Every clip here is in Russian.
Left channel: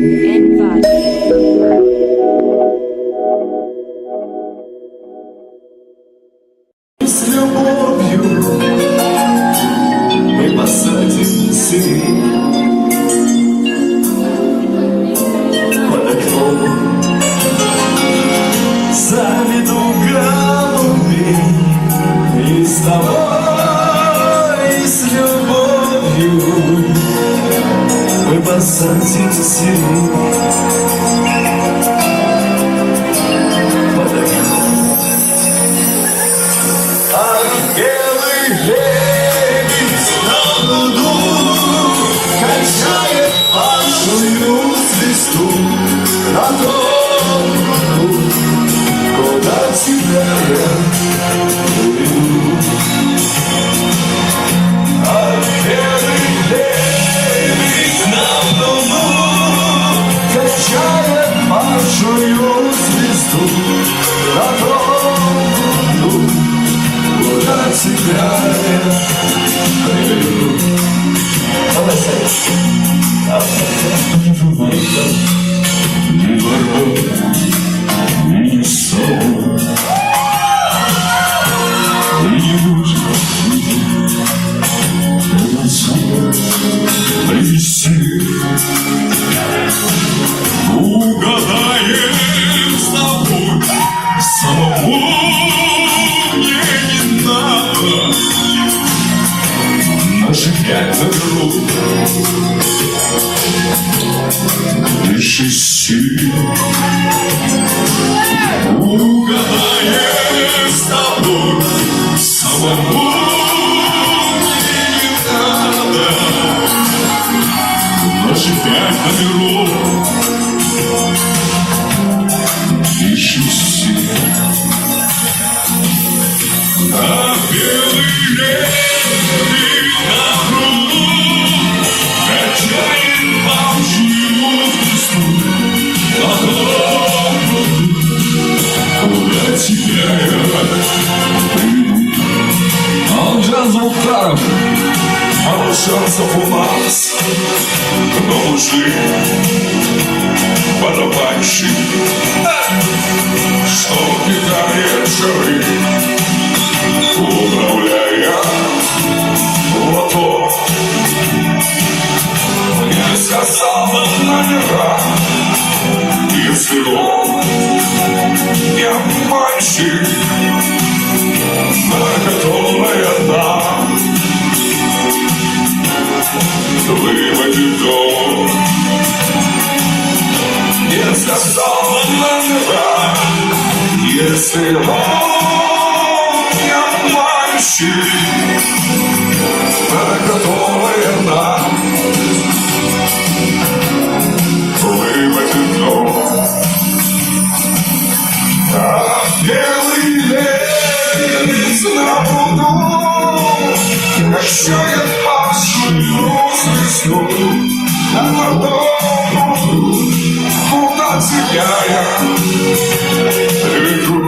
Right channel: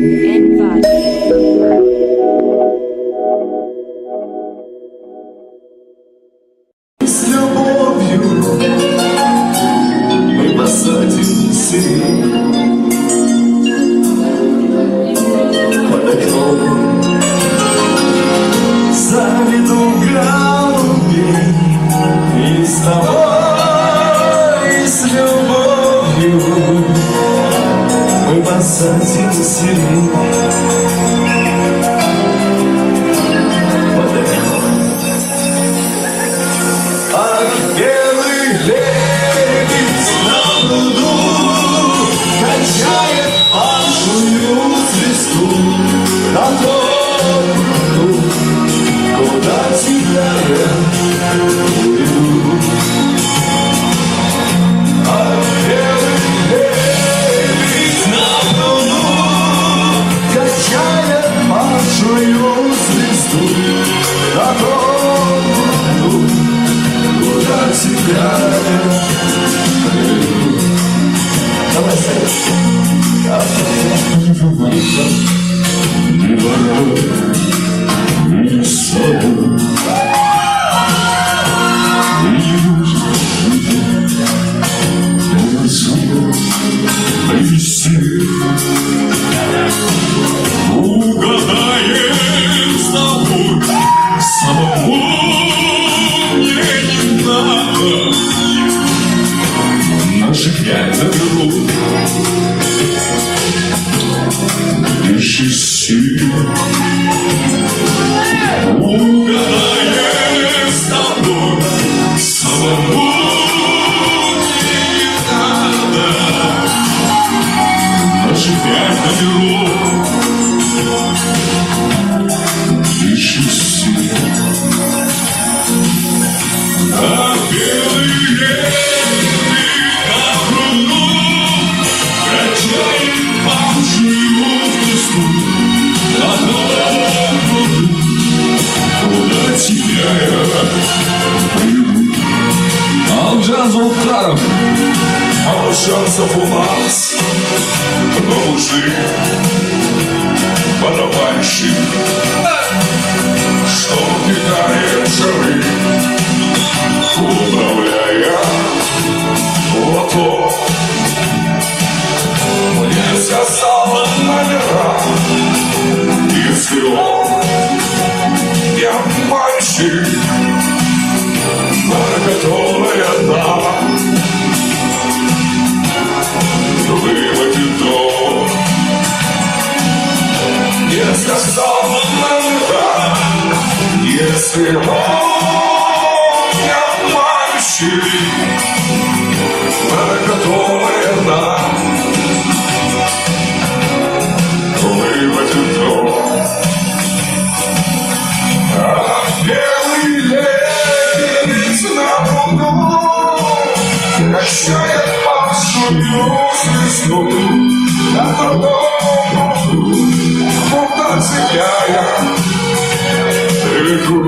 С любовью мы посадим сирень под окном, заведу голуби и с тобой, с любовью мы посадим сирень. Угадаем с тобой, самому мне не надо наши 5 рук, лишь из сил. Угадаем с тобой, самому мне не надо наши 5 рук. А белый лебедь на пруду качает паучью звезду на том пруду, куда тебя я приведу. Алжан Зулхаров, а шансов у нас, но лжи барабанщик, что кидает жары, управляя лото. Мне сказала номера, если он не обманщик, на которой одна выводит дом. Мне сказала номера, если он готовая нам выводит дом. А белый лебедь на пруду качает паучью звезду на том пруду, куда тебя я приведу.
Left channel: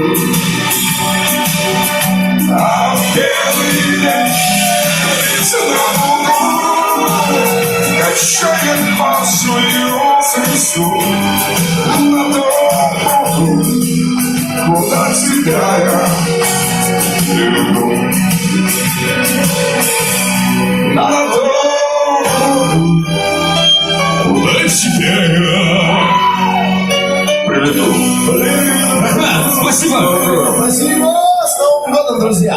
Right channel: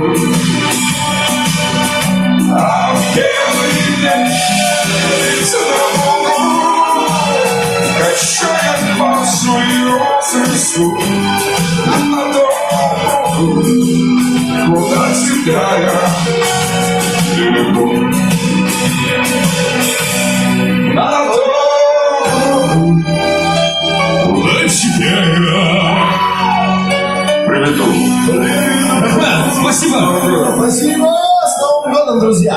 Качает паучью звезду на том, куда тебя я приведу. На том, куда тебя я приведу. Спасибо! Спасибо! С Новым годом, друзья!